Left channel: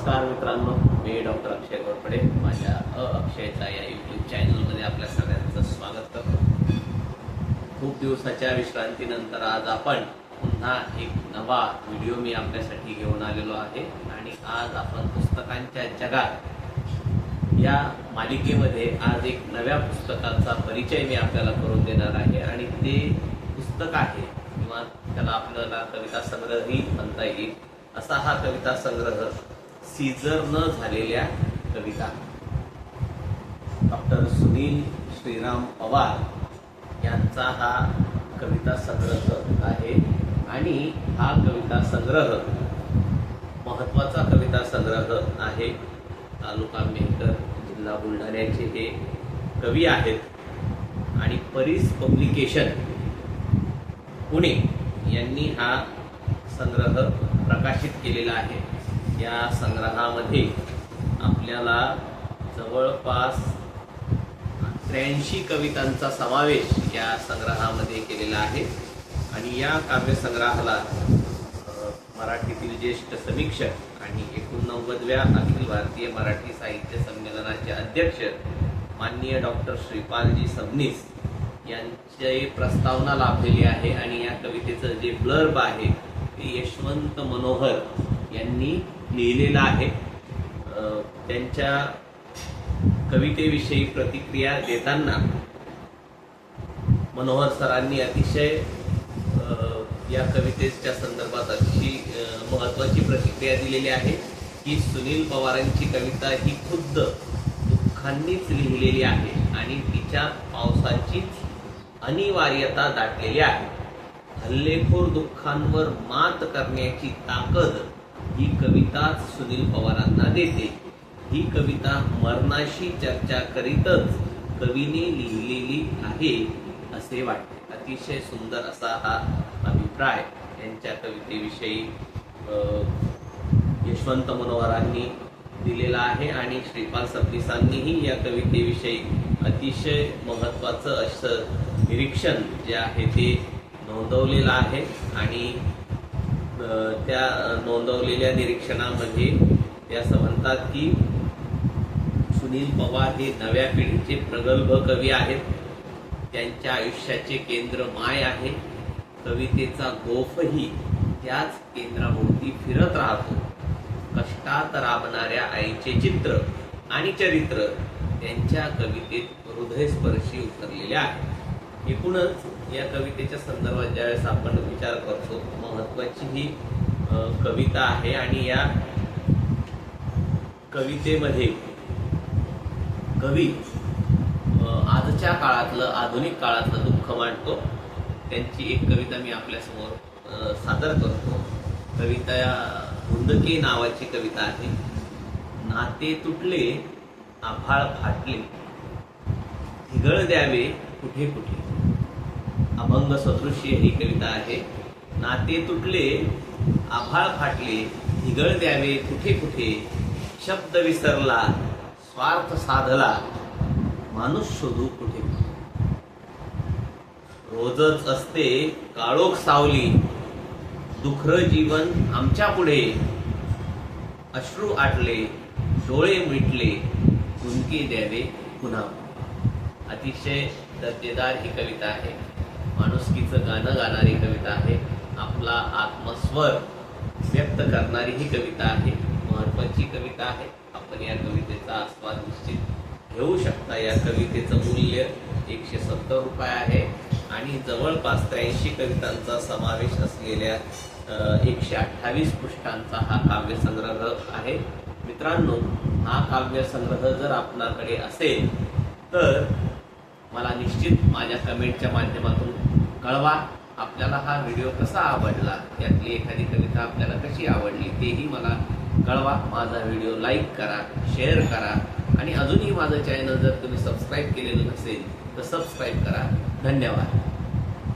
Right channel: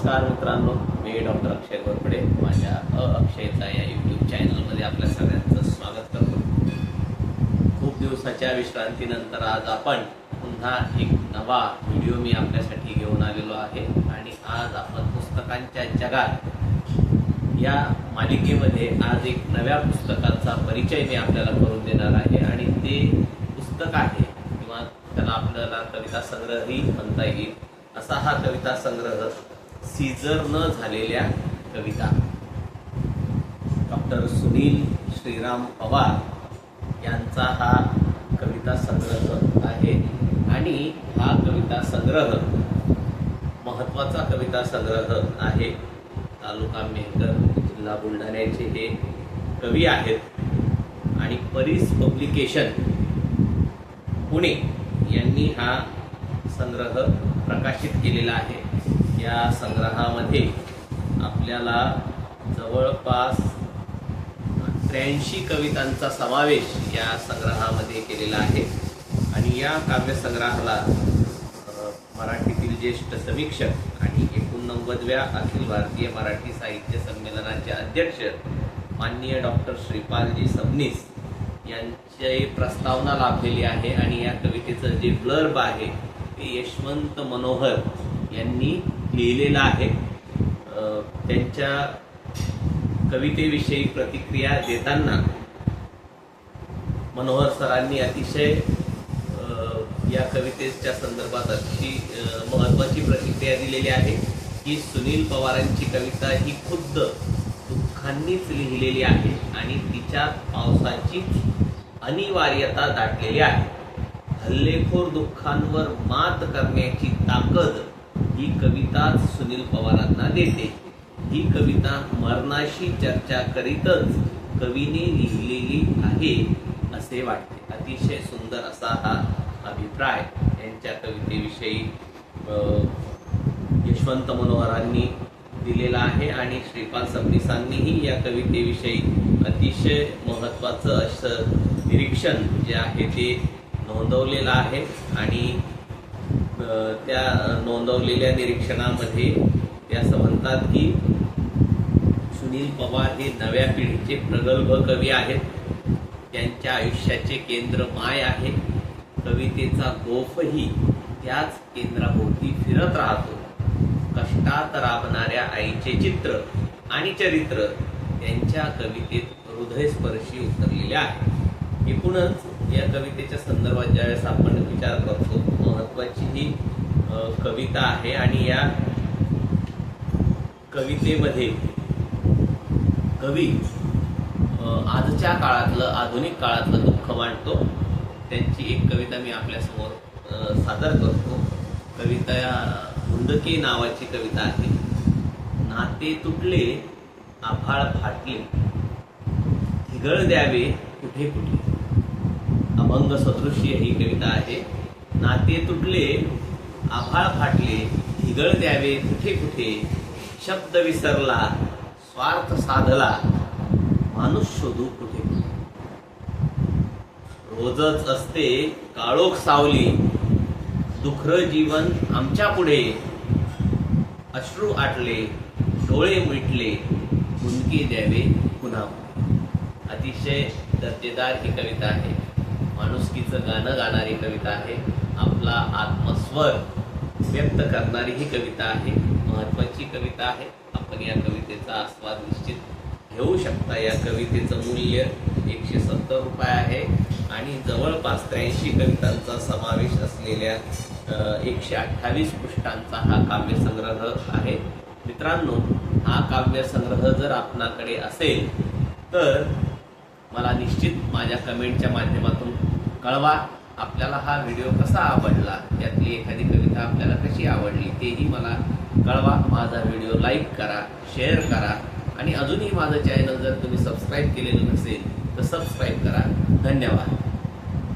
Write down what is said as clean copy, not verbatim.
नमस्कार मित्रांनो, मी डॉक्टर अक्षय घोरपडे. माझ्या अक्षयचा या यूट्यूब चॅनलमध्ये आपल्या सगळ्यांचं स्वागत करतो. खूप दिवसाच्या विश्रांतीनंतर आज आपण पुन्हा एक नवा व्हिडिओ मी आपल्यासाठी घेऊन आलेलो आहे आणि आज आपण पुस्तकांच्या जगात या मालिकेमध्ये आज एक नव्या पुस्तकाचा परिचय मी आपल्याला करून देणार आहे आणि ते पुस्तक आहे किंवा त्याला आपल्याला कविता संग्रहही म्हणता येईल असा हा कविता संग्रह सीजर न झालेल्या कविता. डॉक्टर सुनील श्रीराम पवार यांचा हा कविता संग्रह आहे आणि हा कविता संग्रह महत्वाचा कविता संग्रह आहे. तालुका मेहकर, जिल्हा बुलढाण्याचे हे कवी आहेत आणि परीस पब्लिकेशन पुणे यांनी हा संग्रह प्रकाशित केलेला आहे. या संग्रहामध्ये आपल्याला जवळपास 83 कवितांचा समावेश या संग्रहामध्ये केलेला आहे आणि या काव्यसंग्रहाला मराठीतील ज्येष्ठ समीक्षक आणि 89व्या अखिल भारतीय मराठी साहित्य संमेलनाचे अध्यक्ष माननीय डॉक्टर श्रीपालजी सबनीस यांची प्रस्तावना लाभलेली आहे आणि या कवितेचं जे ब्लर्ब आहे ते यशवंत मनोहर यांनी लिहिलेलं आहे. त्यांच्या कवितेविषयी प्रतिक्रिया देताना मनोहर सरांनी अतिशय या कवितेच्या संदर्भात अशी महत्वाची प्रतिक्रिया दिलेली आहे की सुनील पवारांची कविता ही खुद्द दुःखांनीच लिहिलेली आहे आणि तिच्यात पावसाचीच अनिवार्यता दाटलेली आहे. हल्लेखोर दुःखांवर मात करण्याची ताकद ही कविता सुनील पवारांना देते. ही कविता मरणाशी चर्चा करीतच कवीने लिहिलेली आहे असे वाटते. अतिशय सुंदर असा हा अभिप्राय यांच्या कवितेविषयी यशवंत मनोहरांनी दिलेला आहे आणि श्रीपाल सबनीसांनीही या कवितेविषयी अतिशय महत्वाचं असं निरीक्षण जे आहे ते नोंदवलेलं आहे आणि त्या नोंदवलेल्या निरीक्षणामध्ये ते असं म्हणतात की सुनील पवार हे नव्या पिढीचे प्रगल्भ कवी आहेत. त्यांच्या आयुष्याचे केंद्र माय आहे. कवितेचा गोफही त्याच केंद्राभोवती फिरत राहतो. कष्टात राबणाऱ्या आईचे चित्र आणि चरित्र त्यांच्या कवितेत हृदयस्पर्शी उतरलेले आहे. एकूणच या कवितेच्या संदर्भात ज्यावेळेस आपण विचार करतो महत्वाची ही कविता आहे आणि या कवितेमध्ये कवी आजच्या काळातलं आधुनिक काळातलं दुःख मांडतो. त्यांची एक कविता मी आपल्यासमोर सादर करतो. कविता हुंदके नावाची कविता आहे. नाते तुटले, आभाळ फाटले, हिगळ द्यावे कुठे कुठे. अभंग सदृश्य ही कविता आहे. नाते तुटले, आभाळ फाटले, हिगळ द्यावे कुठे कुठे. शब्द विसरला, स्वार्थ साधला, माणूस शोधू कुठे कुठे. रोजच असते काळोख सावली, दुखरं जीवन आमच्या पुढे. अश्रू आटले, डोळे मिटले, हुंदके द्यावे पुन्हा. अतिशय दर्जेदार ही कविता आहे. माणुसकीचं गाणं गाणारी कविता आहे. आपला आत्मस्वर व्यक्त करणारी ही कविता आहे. महत्वाची कविता आहे. आपण या कवितेचा आस्वाद निश्चित घेऊ शकता. या कवितेचं मूल्य 170 रुपये आहे आणि जवळपास 83 कवितांचा समावेश असलेल्या 128 पृष्ठांचा हा काव्यसंग्रह आहे. मित्रांनो, हा काव्यसंग्रह जर आपणाकडे असेल तर मला निश्चित माझ्या कमेंटच्या माध्यमातून कळवा. आपल्याला हा व्हिडिओ कसा आवडला, यातली एखादी कविता आपल्याला कशी आवडली तेही मला कळवा. माझा व्हिडिओ लाईक करा, शेअर करा आणि अजूनही माझं चॅनल जर तुम्ही सबस्क्राईब केलेलं नसेल तर सबस्क्राईब करा. धन्यवाद.